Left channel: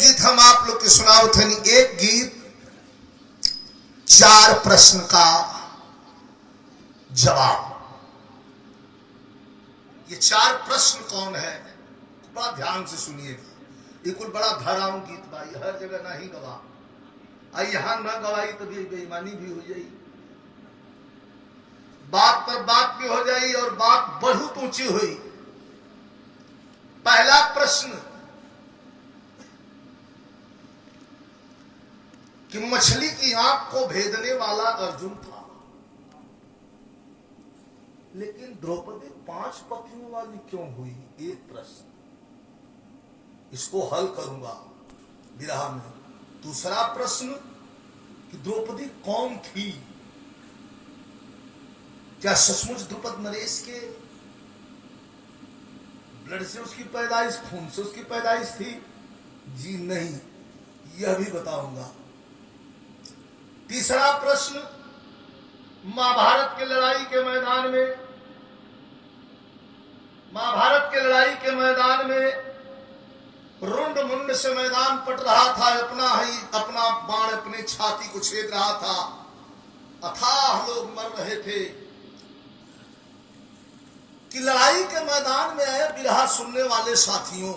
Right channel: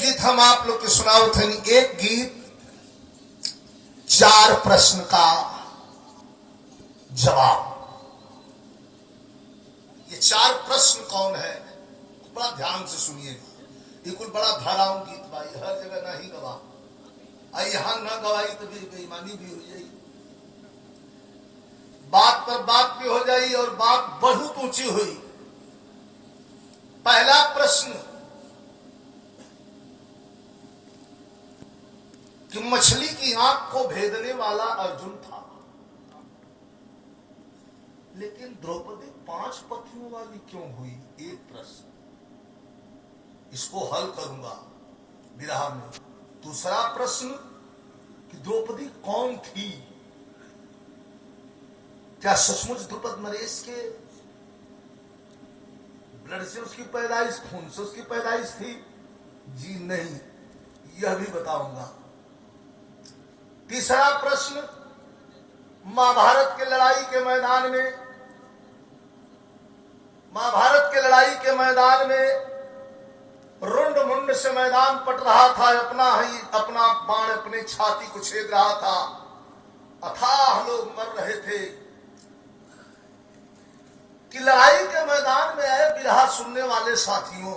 गीत हम आप लोग के सुनाओ थे। एक गीत 4 प्रश्न का जवाब। ये 4 प्रश्न कौन है, बड़ा ध्यान से सुनिएगा। ये कुछ बड़ा धाराओं गीत भाई, हर जगह नहीं गवा, यहां न गवाई तो भी बेईमानी भी हो जाएगी, बात पर बात भी हो जाएगी और बात बहुत ऊंची हुई। पहला प्रश्न कि मछली की आंख को भेदने वाला अर्जुन था, लेकिन द्रौपदी 5 पतियों वाली क्यों हुई? एक प्रश्न, इसको हल करूंगा विरह में। दूसरा प्रश्न कि द्रौपदी कौन थी? क्या सचमुच द्रुपद नरेश के ब्लड से उसकी पैदाइश, खून से उसकी पैदाइश थी? जी नहीं, यह भी बताऊंगा। तीसरा प्रश्न, महाभारत की लड़ाई के मैदान में, महाभारत के लड़ाई के मैदान में रुंड मुंड से मैदान पट रहा था, अपना बाण अपने छाती को छेद रहा था, अथाह लोग मर रहे थे कि लड़ाई के मैदान में आए बिरहा सुनने वाले साथियों,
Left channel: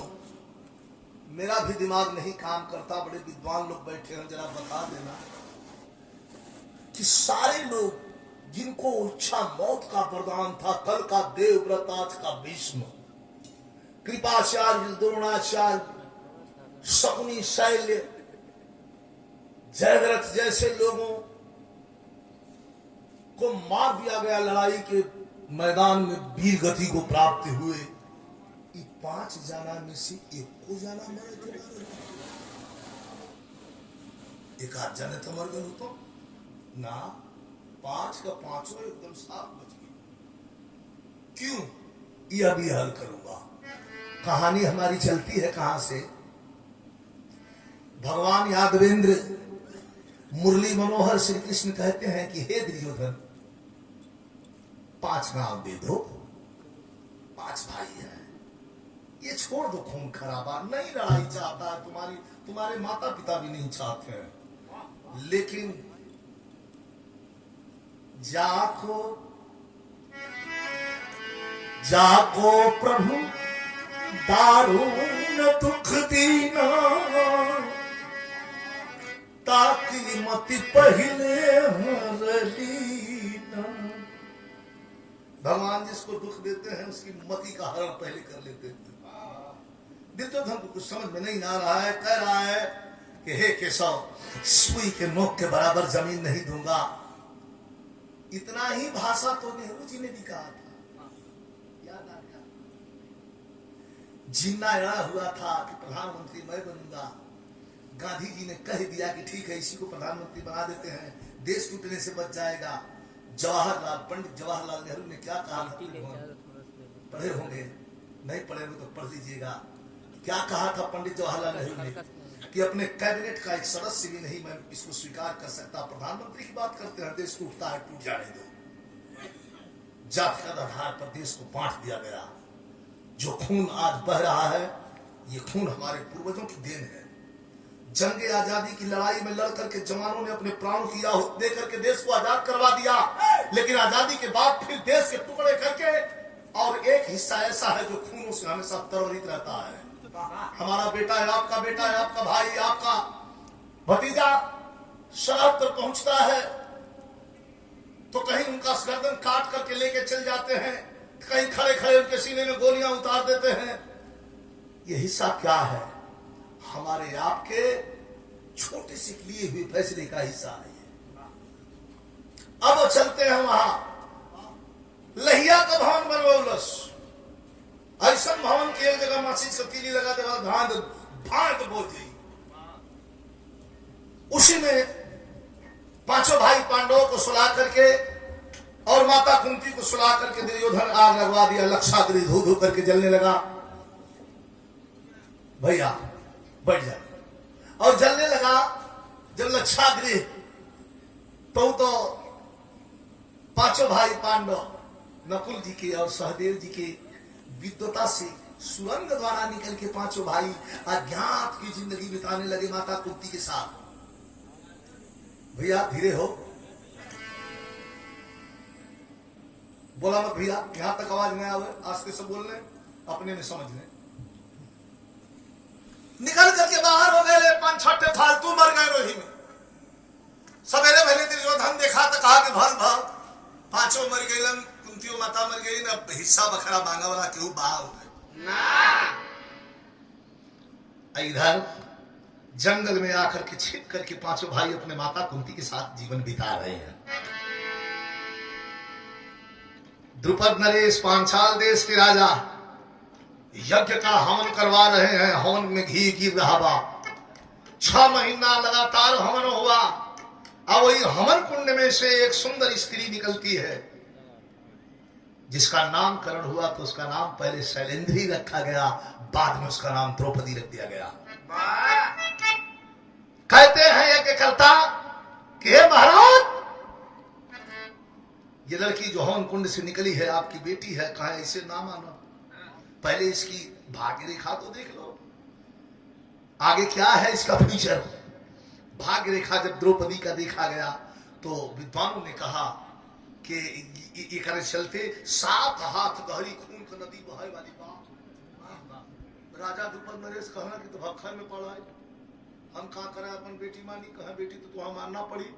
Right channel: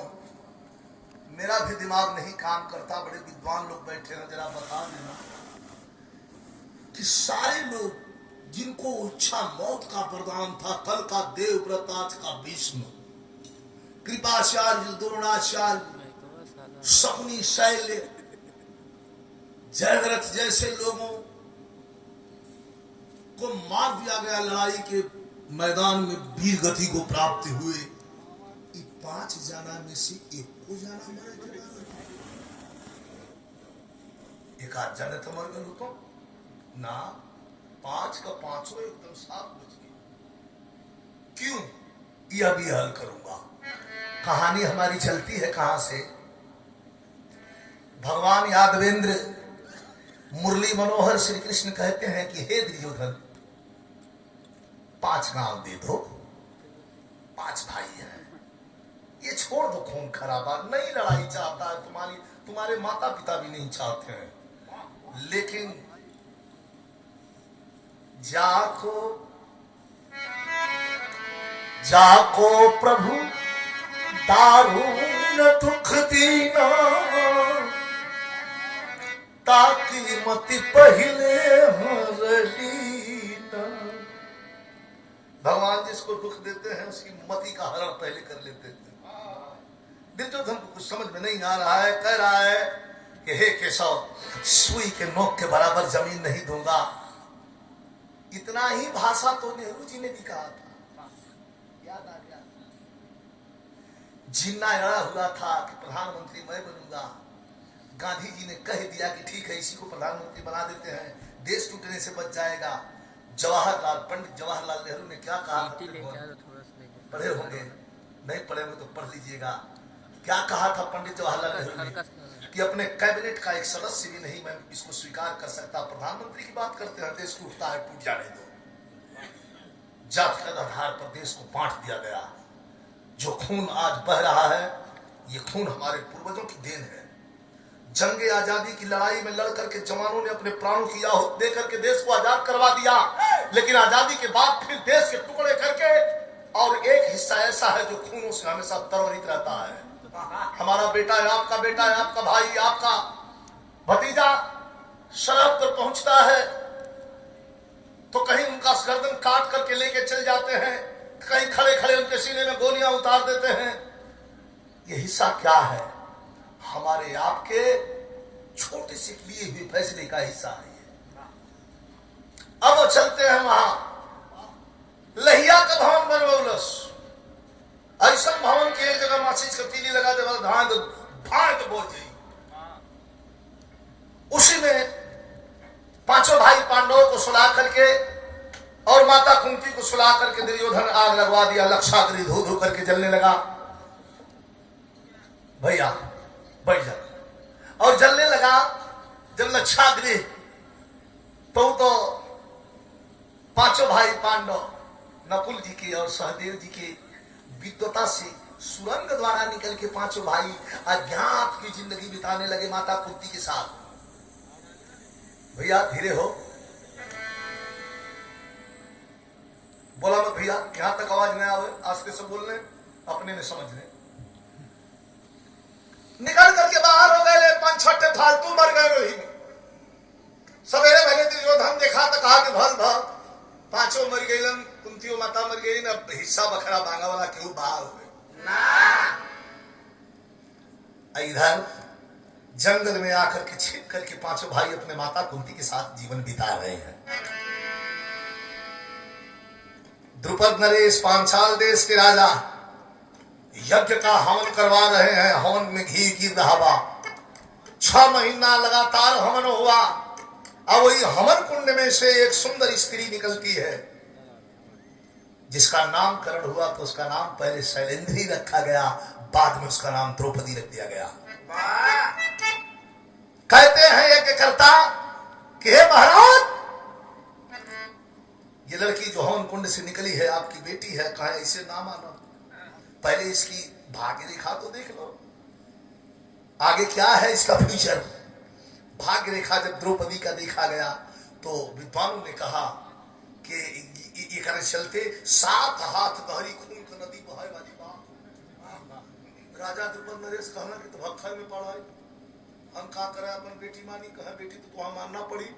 मेरा भी दिमाग नहीं काम करता, बड़े विद्वान लोग बैठे हैं, जरा बता देना कि सारे लोग जिनको इच्छा मौत का वरदान था, कल का देवव्रत, आज का भीष्म, कृपाचार्य, द्रोणाचार्य, शकुनी, शैल्य, जयद्रथ जैसे लोगों को मार दिया गया लड़ाई के मैदान में, वीर गति को प्राप्त हुए। 5 जाना में से एक को जाना मारे, एक आध जाने तो मर गए हो ना, 5 का 5 एकदम साफ बच गए। क्यों? यह भी हल करूंगा। कहानी हमारी चलती है कहां से? भगवान यादवेंद्र मुरली मनोहर श्री कृष्ण कहते हैं कि हे दुर्योधन, 5 गांव दे दो, 5 भाई हैं, ये छोड़ दो खून खराबा, नहीं लड़ाई चाहता है, तुम्हारे माता पिता भी नहीं चाहते हैं, लेकिन जाको प्रभु दारुण दुख दीना, ताकि मति पहले हरलीना। भगवान जिसको दुख देते हैं उसकी मति का हरण पहले कर लेते हैं। दुर्योधन को कुछ समझ में नहीं आ रहा है, कह रहा है कि हे केशव, सुई के नोक के बराबर जमीन नहीं दूंगा। इतना ही भाषा तो नेहरू जी ने भी कहा था, याद आ गया। जिन्ना अड़ा हुआ था कि प्रधानमंत्री मैं बनूंगा, गांधी जी ने कह दिया कि ठीक है, इसी को प्रधानमंत्री बना देते हैं, देश टूटने से बच जाएगा। पंडित जवाहरलाल नेहरू ने क्या कहा? पढ़े होंगे, नहीं पढ़े होंगे तो पढ़ लीजिएगा। क्या कहा था पंडित जवाहरलाल नेहरू ने कि अपने कैबिनेट का एक सदस्य भी नहीं मैं इसको स्वीकार कर सकता, प्रधानमंत्री की बात करते हैं, देश टूटता है, टूट जाने दो। जातिगत आधार पर देश को बांट दिया गया। जो खून आज बह रहा है, ये खून हमारे पूर्वजों की देन है। जंगे आजादी की लड़ाई में लड़ करके जवानों ने अपने प्राणों की आहुति दे करके देश को आजाद करवा दिया, लेकिन आजादी के बाद फिर देश के टुकड़े करके, और एक हिस्सा ऐसा है जो खूनों से हमेशा तरवरित रहता है। हमारा बेटा है, आपका बेटा है, आपका भाई, आपका भतीजा शराब पर पहुंचता है तो कहीं उनका गर्दन काट करके लेके चल जाते हैं, कहीं खड़े खड़े उनके सीने में गोलियां उतार देते हैं। ये हिस्सा क्या है? हमारे आपके छोटे से लिए हुए फैसले का हिस्सा है। अब चलते हैं वहां लहिया का भवन बनवलस, ऐसा भवन की एक जगह मासी सतीली लगा दे, भाई तो बोल जाइए। उसी में 5 भाई पांडवों को सुला करके और माता कुंती को सुला करके दुर्योधन आग लगवा दिया, लक्षाग्नि धो धो करके जलने लगा। भैया बैठ जा, और जलने लगा। जब लक्षाग्नि तो 5 भाई पांडव नकुल जी के और सहदेव जी के विद्वता से सुरंग द्वारा निकल के पांचों भाई अज्ञात की जिंदगी बिताने लगे माता कुंती के साथ। भैया धीरे हो, बोला मत भैया, यहां तक आवाज नहीं आवे, आस्ते से बोलने, अपने में समझने। निकल करके बाहर हो गए, 5-6 फालतू मर गए वही में। सवेरे भले दुर्योधन देखा तो कहा कि भल भल पांचों मर गए, कुंतियों माता मर गई, ना हिस्सा बकरा मांगा हुआ क्यों बाहर हो गए। इधर जंगल में आकर के छिप करके पांचों भाई अपने माता कुंती के साथ जीवन बिता रहे हैं। द्रुपद नरेश पांचाल देश के राजा यज्ञ का हवन करवा रहे हैं। हवन में घी गिर रहा बा, 6 महीना लगातार हवन हुआ। अब वही हवन कुंड में से एक सुंदर स्त्री निकलती है, जिसका नामकरण हुआ तो उसका नाम पहले शैलेंद्री रखा गया, बाद में उसका नाम द्रौपदी रख दिया गया। कहते हैं यज्ञकर्ता कि हे महाराज, ये लड़की जो हवन कुंड से निकली है आपकी बेटी है, कहा इसे ना मानो, पहले इसकी भाग्य रेखा तो देख लो, आगे क्या है इसका फ्यूचर। भाग्य रेखा जब द्रौपदी का देखा गया तो विद्वानों ने कहा कि ये करे चलते 7 हाथ गहरी खून की नदी बहाए वाली बात। राजा द्रुपद नरेश कहना कि तो भक्खा में पड़ा है, हम कहा करे अपन बेटी मानी, कहा बेटी तो तुहा मानना पड़ी,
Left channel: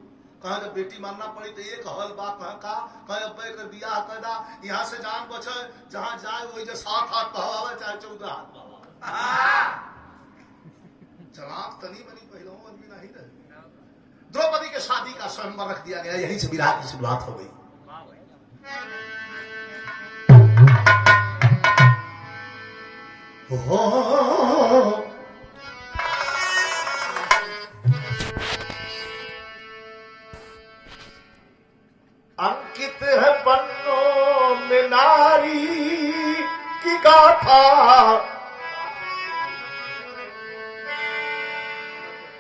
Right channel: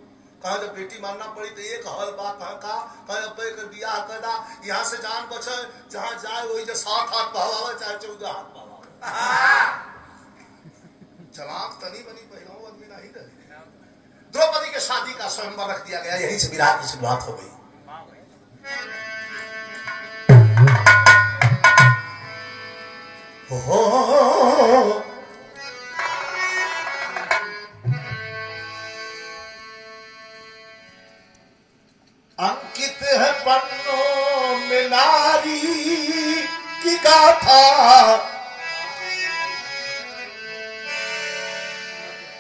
कहा जब बेटी मानना पड़ी तो एक हल बा, कहा अब्बे कर बियाह करना, यहाँ से जान बचे, जहाँ जाए वही जो 7 हाथ बहावे चाहे 14 हाथ बहावे। जनाब तनी बनी पहलू आदमी नहीं रहे। द्रौपदी के शादी का स्वयंवर रख दिया गया, यही से विराट की शुरुआत हो गई। अंकित है पन्नों में नारी की गाथा,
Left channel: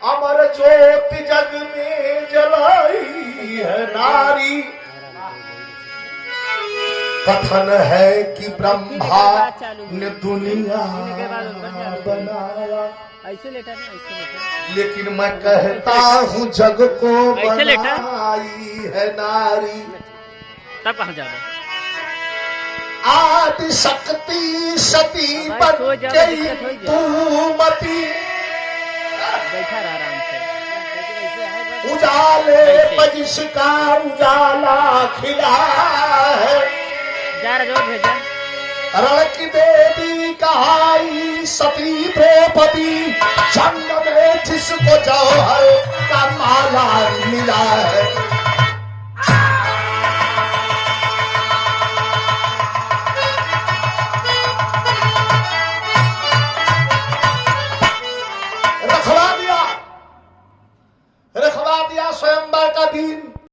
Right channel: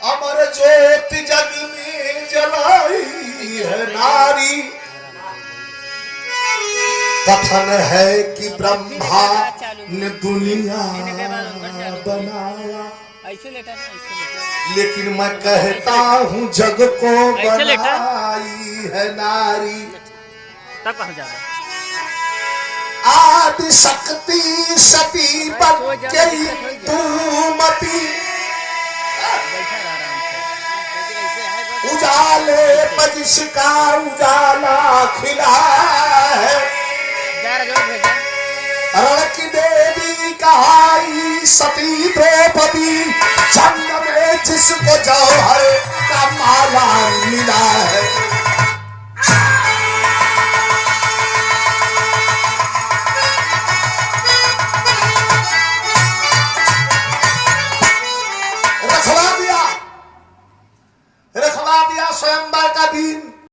अमर ज्योति जग में जलाई है नारी। कथन है कि ब्रह्मा ने दुनिया बनाया, लेकिन मैं कहता हूँ जग को बनाई है नारी। तब कहाँ जाना? आदि शक्ति सती पर तूमती, उजाले पर जिसका उजाला खिला है, रण की देवी कहाई सती द्रौपदी, जन्म में जिसको जौहर का माला मिला है।